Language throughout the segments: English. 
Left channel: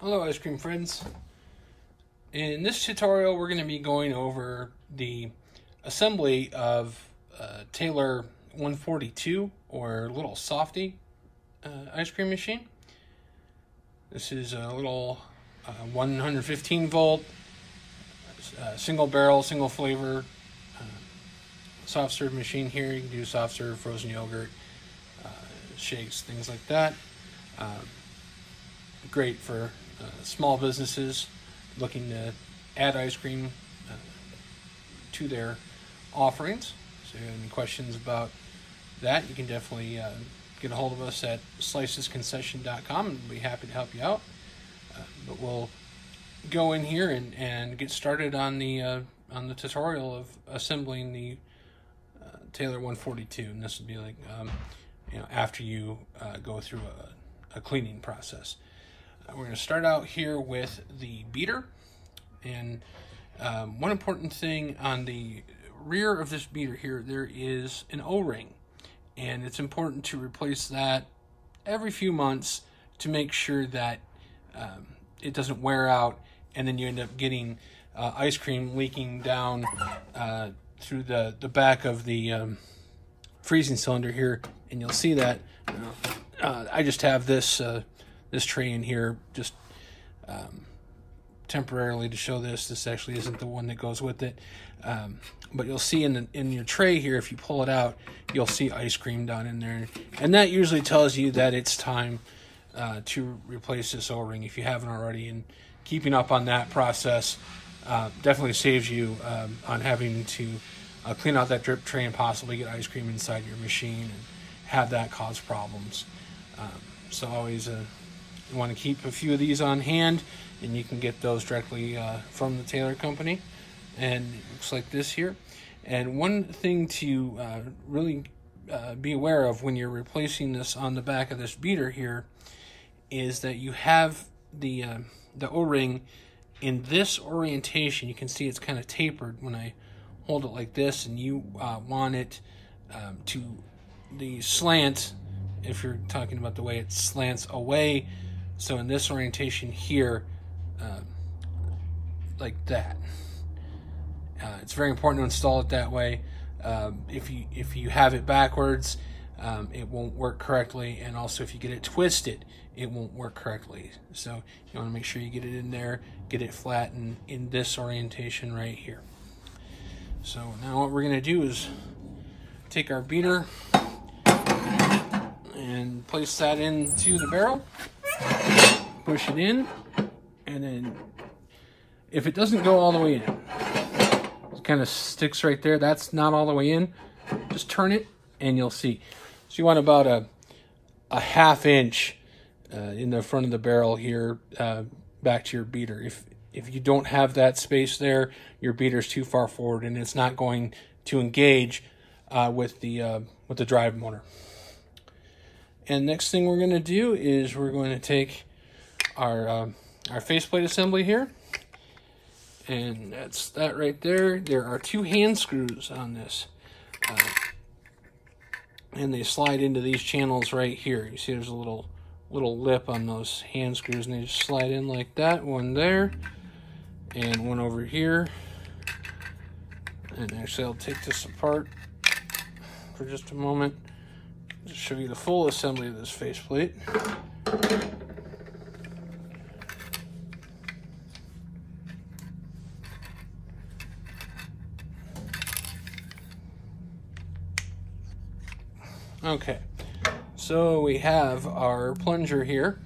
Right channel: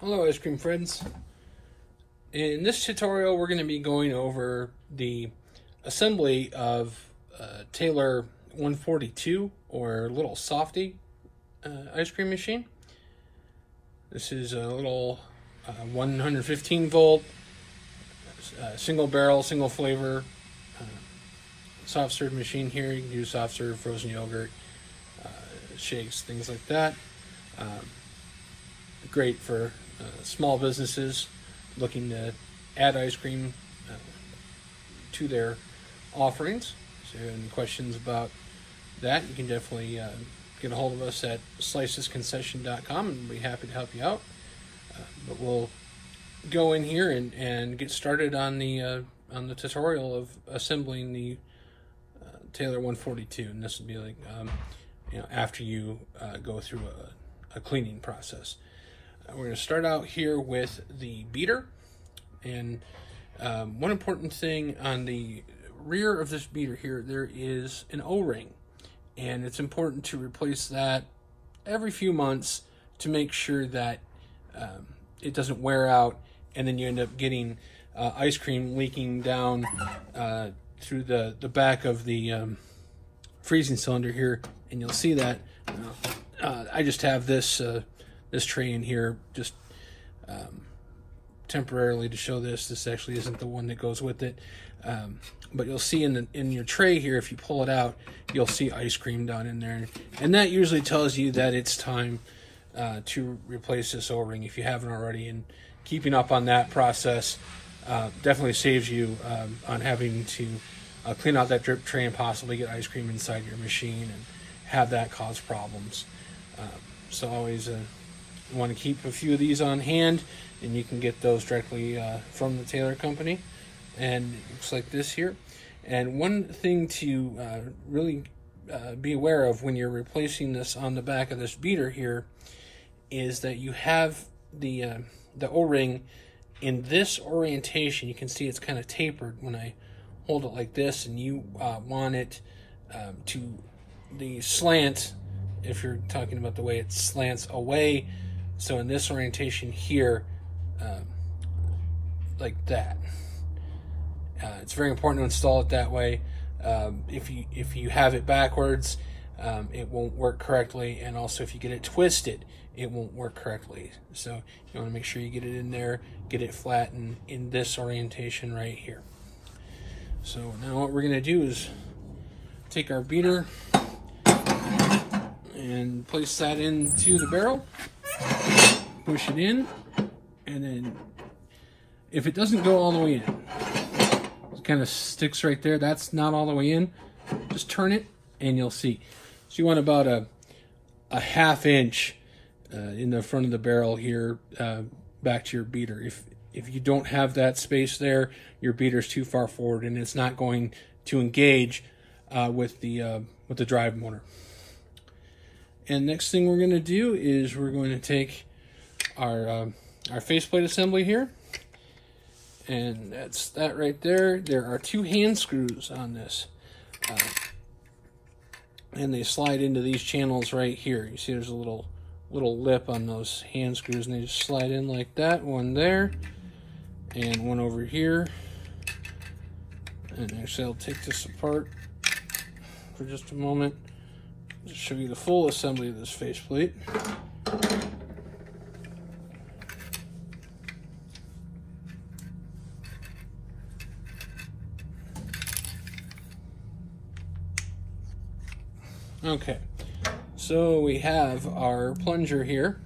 Hello ice cream friends. In this tutorial we're going to be going over the assembly of Taylor 142 or Little Softy ice cream machine. This is a little 115 volt single barrel, single flavor soft serve machine here. You can do soft serve, frozen yogurt, shakes, things like that. Great for small businesses looking to add ice cream to their offerings. So if you have any questions about that, you can definitely get a hold of us at slicesconcession.com and we'll be happy to help you out. But we'll go in here and get started on the tutorial of assembling the Taylor 142, and this would be like after you go through a cleaning process. We're going to start out here with the beater, and one important thing on the rear of this beater here, there is an O-ring, and it's important to replace that every few months to make sure that it doesn't wear out, and then you end up getting ice cream leaking down through the back of the freezing cylinder here, and you'll see that. I just have this this tray in here just temporarily to show this. This actually isn't the one that goes with it, but you'll see in your tray here, if you pull it out, you'll see ice cream down in there, and that usually tells you that it's time to replace this O-ring if you haven't already. And keeping up on that process definitely saves you on having to clean out that drip tray and possibly get ice cream inside your machine and have that cause problems. So always you want to keep a few of these on hand, and you can get those directly from the Taylor company. And it looks like this here. And one thing to really be aware of when you're replacing this on the back of this beater here is that you have the O-ring in this orientation. You can see it's kind of tapered when I hold it like this, and you want it to the slant, if you're talking about the way it slants away. So in this orientation here, like that. It's very important to install it that way. If you have it backwards, it won't work correctly, and also if you get it twisted, it won't work correctly. So you want to make sure you get it in there, get it flat and in this orientation right here. So now what we're going to do is take our beater and place that into the barrel, push it in, and then if it doesn't go all the way in, it kind of sticks right there, that's not all the way in, just turn it and you'll see. So you want about a ½ inch in the front of the barrel here back to your beater. If you don't have that space there, your beater's too far forward and it's not going to engage with the drive motor. And next thing we're going to do is we're going to take our faceplate assembly here, and that's that right there. There are 2 hand screws on this, and they slide into these channels right here. You see there's a little lip on those hand screws, and they just slide in like that. One there, and one over here. And actually I'll take this apart for just a moment to show you the full assembly of this faceplate. Okay, so we have our plunger here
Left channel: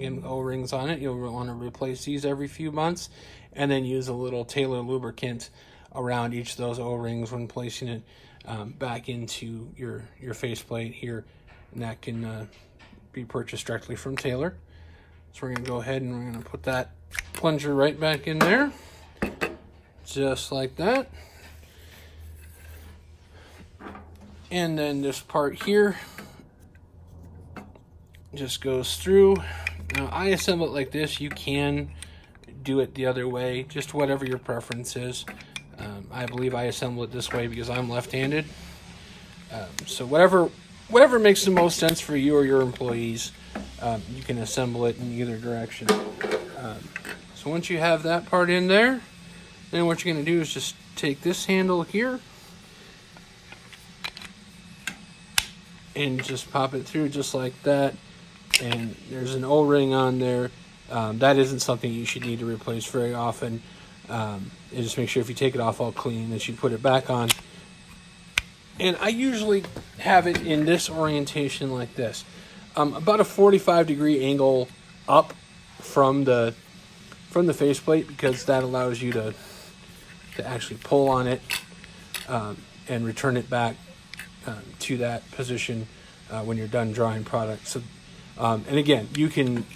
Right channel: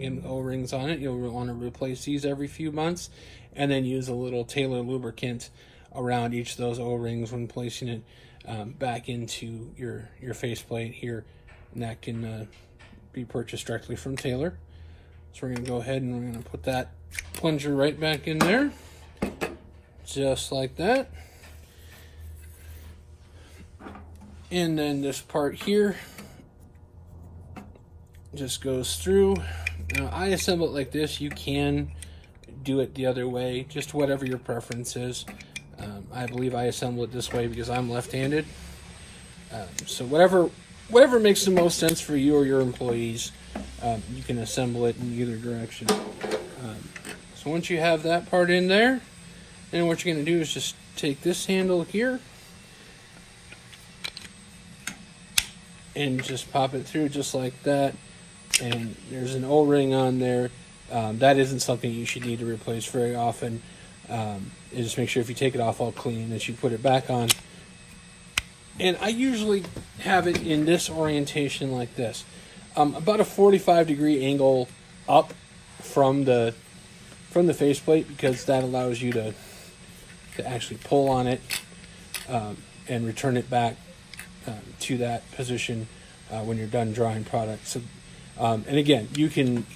and O-rings on it. You'll want to replace these every few months, and then use a little Taylor lubricant around each of those O-rings when placing it back into your faceplate here, and that can be purchased directly from Taylor. So we're going to go ahead and we're going to put that plunger right back in there, just like that. And then this part here just goes through. Now I assemble it like this. You can do it the other way, just whatever your preference is. I believe I assemble it this way because I'm left-handed. So whatever makes the most sense for you or your employees, you can assemble it in either direction. So once you have that part in there, then what you're going to do is just take this handle here and just pop it through just like that. And there's an O-ring on there. That isn't something you should need to replace very often. You just make sure if you take it off all clean that you put it back on. And I usually have it in this orientation like this. About a 45-degree angle up from the faceplate, because that allows you to actually pull on it and return it back to that position when you're done drawing product. So, and again, you can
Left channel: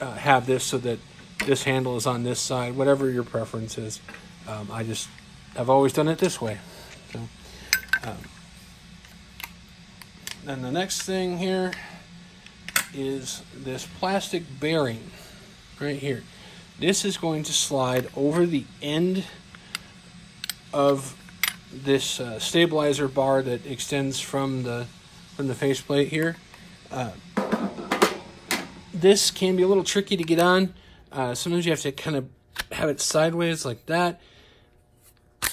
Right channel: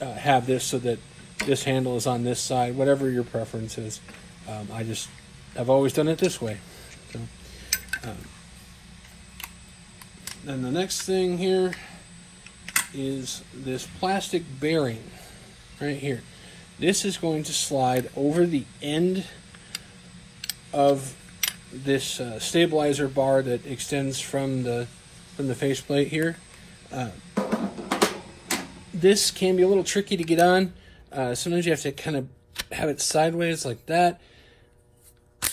have this so that this handle is on this side, whatever your preference is. I've always done it this way. So, then the next thing here is this plastic bearing right here. This is going to slide over the end of this stabilizer bar that extends from the faceplate here. This can be a little tricky to get on. Sometimes you have to kind of have it sideways like that,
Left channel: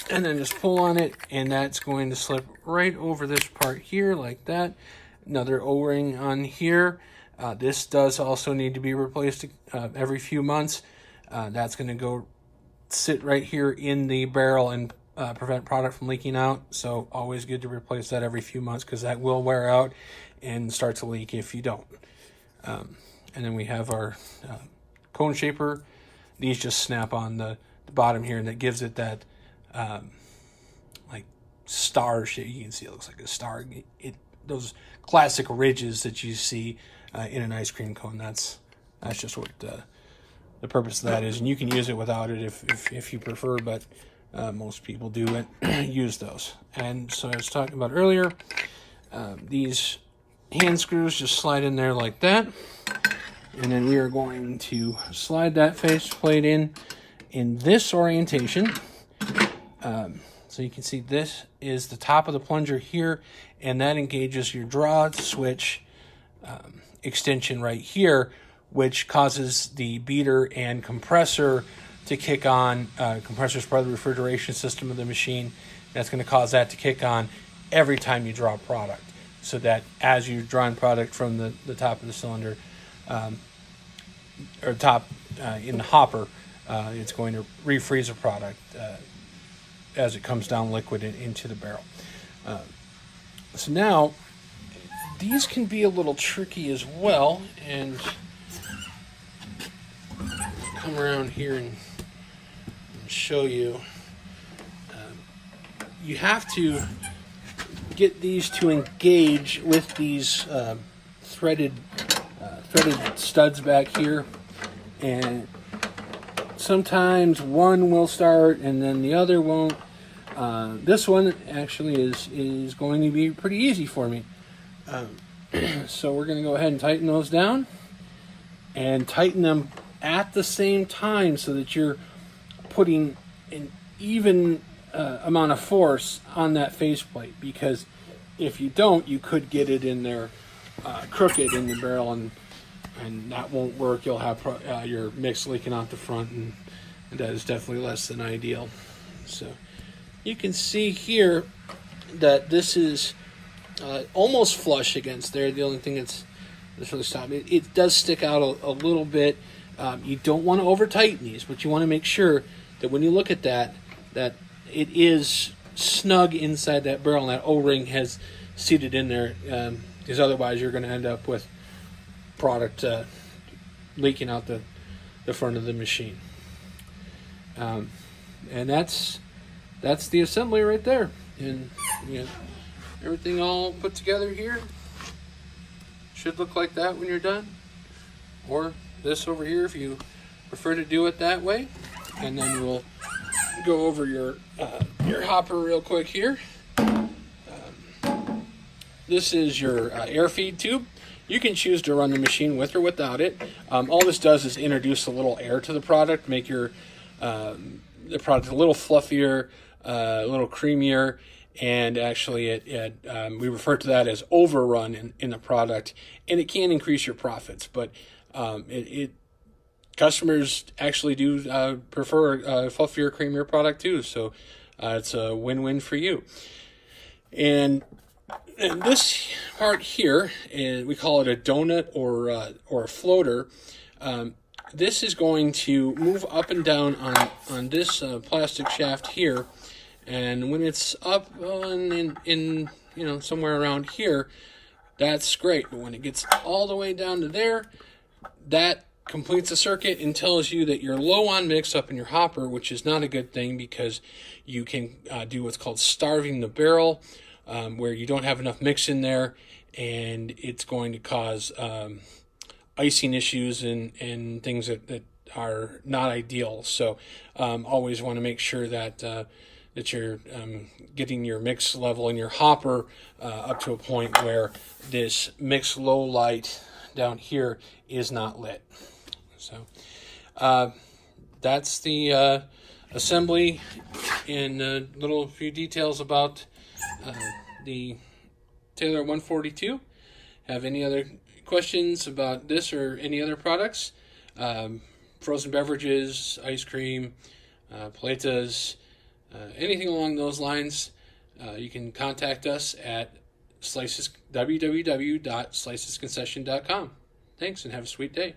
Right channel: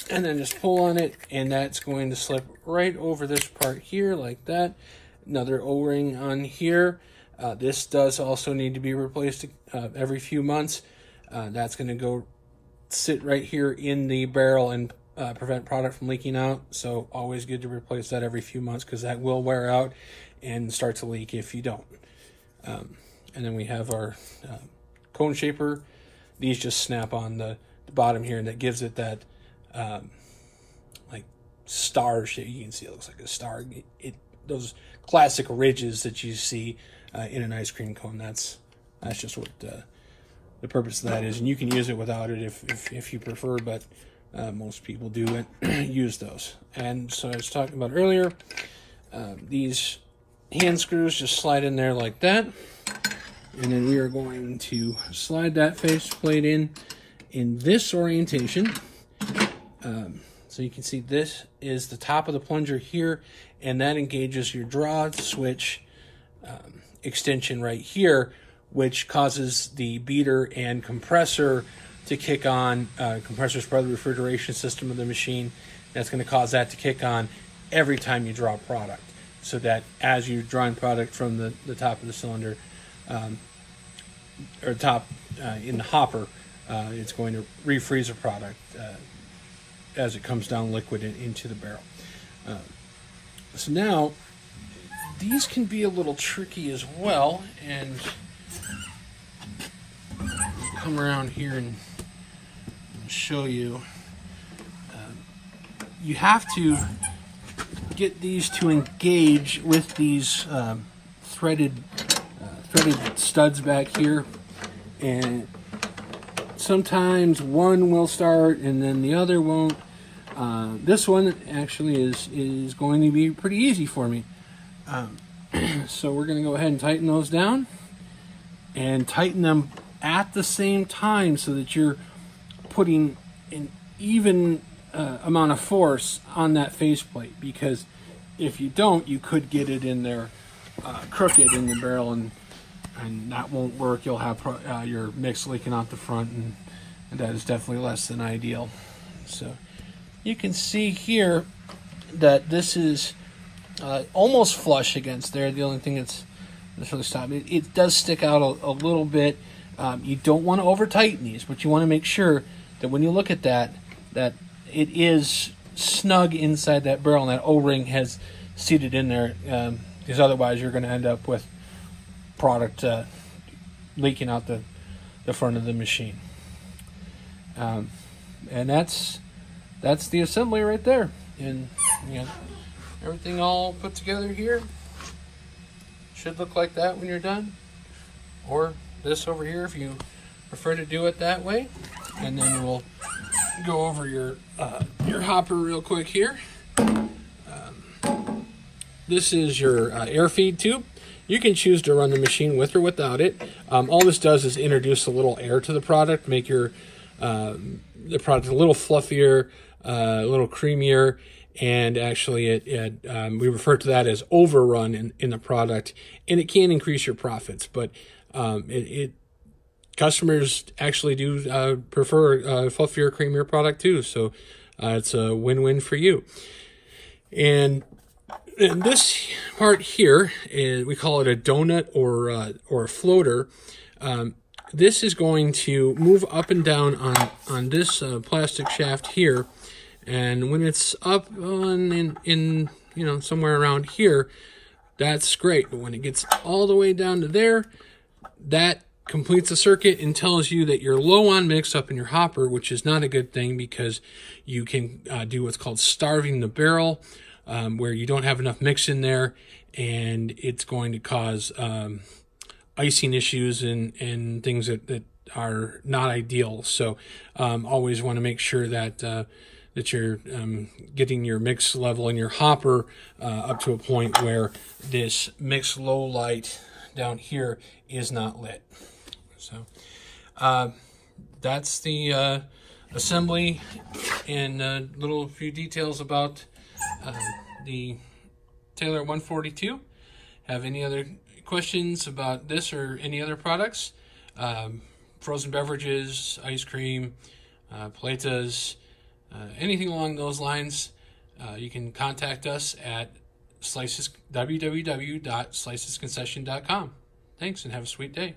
and then just pull on it, and that's going to slip right over this part here like that. Another O-ring on here. This does also need to be replaced every few months. That's going to go sit right here in the barrel and prevent product from leaking out. So always good to replace that every few months, because that will wear out and start to leak if you don't. And then we have our cone shaper. These just snap on the bottom here, and that gives it that like star shape. You can see it looks like a star. Those classic ridges that you see in an ice cream cone. That's just what the purpose of that is, and you can use it without it if you prefer, but most people do use those. And so I was talking about earlier, these hand screws just slide in there like that, and then we are going to slide that faceplate in this orientation. So you can see this is the top of the plunger here, and that engages your draw switch extension right here, which causes the beater and compressor to kick on. Compressor is part of the refrigeration system of the machine. That's going to cause that to kick on every time you draw product, so that as you're drawing product from the top of the cylinder, or top in the hopper, it's going to refreeze the product as it comes down liquid into the barrel. So now, these can be a little tricky as well, and come around here and show you. You have to get these to engage with these threaded studs back here, and sometimes one will start and then the other won't. This one actually is going to be pretty easy for me. So we're going to go ahead and tighten those down, and tighten them at the same time so that you're putting an even amount of force on that faceplate, because if you don't, you could get it in there crooked in the barrel, and that won't work. You'll have your mix leaking out the front, and that is definitely less than ideal. So you can see here that this is almost flush against there. The only thing that's really stopping it does stick out a little bit. You don't want to over tighten these, but you want to make sure that when you look at that it is snug inside that barrel, and that O-ring has seated in there, because otherwise you're going to end up with product leaking out the front of the machine. And that's the assembly right there. And everything all put together here should look like that when you're done, or this over here if you prefer to do it that way. And then we'll go over your hopper real quick here. This is your air feed tube. You can choose to run the machine with or without it. All this does is introduce a little air to the product, make your the product a little fluffier, a little creamier, and actually we refer to that as overrun in the product, and it can increase your profits, but customers actually do prefer a fluffier, creamier product too. So it's a win-win for you. And this part here, we call it a donut or a floater. This is going to move up and down on this plastic shaft here, and when it's up in you know, somewhere around here, that's great. But when it gets all the way down to there, that completes the circuit and tells you that you're low on mix up in your hopper, which is not a good thing, because you can do what's called starving the barrel, where you don't have enough mix in there, and it's going to cause icing issues and things that are not ideal. So always want to make sure that that you're getting your mix level in your hopper up to a point where this mix low light down here is not lit. So that's the assembly and a little few details about the Taylor 142. Have any other questions about this or any other products? Frozen beverages, ice cream, paletas, anything along those lines, you can contact us at www.slicesconcession.com. Thanks, and have a sweet day.